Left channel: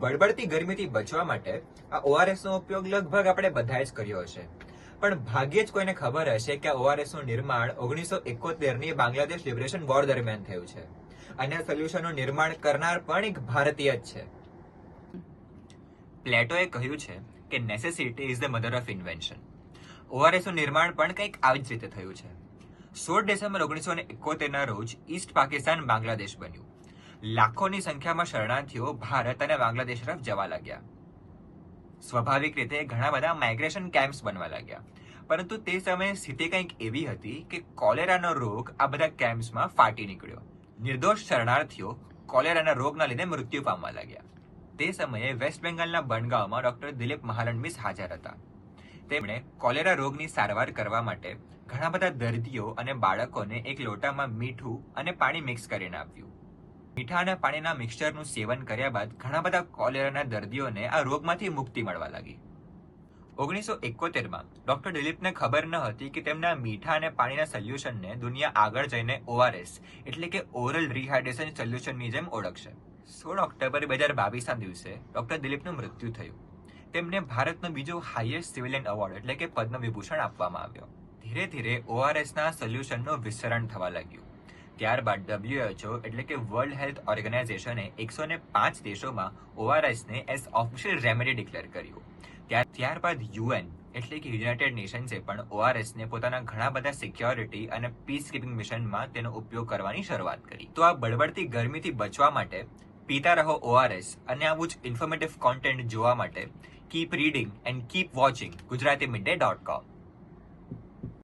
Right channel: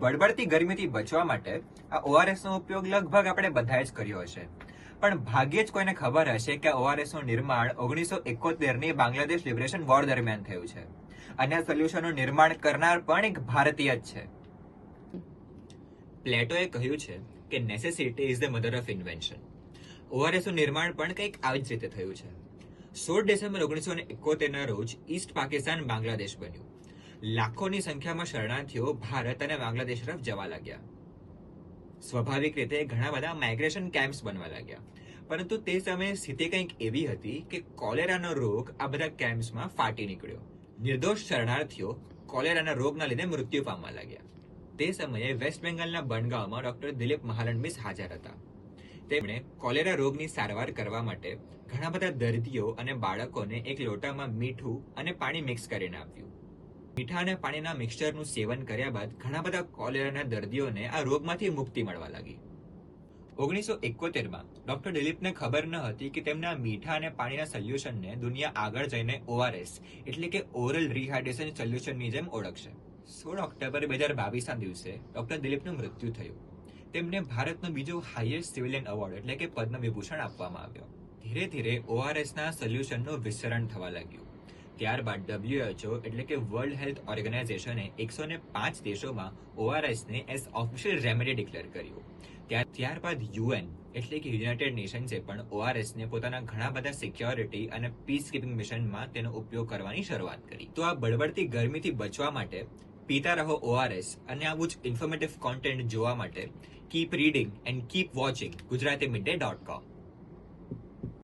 બળબડતી ગરમીથી બચવા માટે આ ઓઆરએસ નો ઉપયોગ લગભગ આપણે બધાએ જ કર્યો હશે. પણ ભાગ્યે જ કોઈને ખબર હશે કે ઓઆરએસનું નિર્માણ ઓગણીસો એકોતેરની બાંગ્લાદેશ લિબરેશન વોર દરમિયાન થયું છે. અને આ સોલ્યુશનનું નિર્માણ કરનાર પણ એક ભારતીય જ છે. પ્લેટોએ કહ્યું છે કે necessity is the mother of invention ઓઆરએસનું નિર્માણ પણ કંઈક આવી જ રીતે થયું છે. સોળ ડિસેમ્બર ઓગણીસો એકોતેરના રોજ ઈસ્ટ પાકિસ્તાન બાંગ્લાદેશ બન્યું. લાખોની સંખ્યામાં શરણાર્થીઓ ભારત અને બાંગ્લાદેશ તરફ જવા લાગ્યા. સ્વાભાવિક રીતે ઘણા બધા માઇગ્રેશન કેમ્પ્સ બનવા લાગ્યા. પરંતુ તે સમયે સ્થિતિ કંઈક એવી હતી કે કોલેરાનો રોગ આ બધા કેમ્પ્સમાં ફાટી નીકળ્યો. નિર્દોષ શરણાર્થીઓ કોલેરાના રોગના લીધે મૃત્યુ પામવા લાગ્યા. તે સમયે વેસ્ટ બેંગાલના બનગાંવમાં ડોક્ટર દિલીપ મહાલનબિસ હાજર હતા. તેમણે કોલેરા રોગની સારવાર કરવા માટે ઘણા બધા દર્દીઓ અને બાળકોને એક લોટામાં મીઠું અને પાણી મિક્સ કરીને આપ્યું. મીઠા અને પાણીના મિક્સચરનું સેવન કર્યા બાદ ઘણા બધા કોલેરાના દર્દીઓને આ રોગમાંથી મુક્તિ મળવા લાગી. ઓગણીસો એકોતેરમાં ડોક્ટર દિલીપને ખબર ન હતી કે તેમના મીઠા અને પાણીના સોલ્યુશનને દુનિયા આગળ જઈને ઓઆરએસ એટલે કે ઓરલ રિહાઇડ્રેશન સોલ્યુશનની જેમ ઓળખશે. સોળ ઓક્ટોબર બે હજાર બાવીસના દિવસે ડોક્ટર દિલીપનું મૃત્યુ થયું. તેમને ભારતનો બીજો હાઈએસ્ટ સિવિલિયન એવોર્ડ એટલે કે પદ્મ વિભૂષણ આપવામાં આવ્યો. ધીરે ધીરે ઓઆરએસના સોલ્યુશનનું વિસ્તરણ થવા લાગ્યું. ત્યારબાદ ડબ્લ્યુએચઓ એટલે કે વર્લ્ડ હેલ્થ ઓર્ગેનાઇઝેશને એકસો ને પાંચ દેશોમાં ઓઆરએસને એઝ ઓફિશિયલ રેમેડી ડિક્લેર કર્યું. ત્યારબાદ યુએન એટલે કે યુનાઇટેડ નેશન્સે પણ ઓઆરએસને પોતાના ઘણા બધા સિક્યોરિટી અને પીસ કીપિંગ મિશનમાં તેનો ઉપયોગ કરવાની શરૂઆત કરી. તો આ બળબડતી ગરમીથી બચવા માટે પીતા રહો ઓઆરએસ અને આવું જ ઇન્ફોર્મેટિવ કોન્ટેન્ટ જોવા માટે keep reading and keep watching Gujarati midday dot com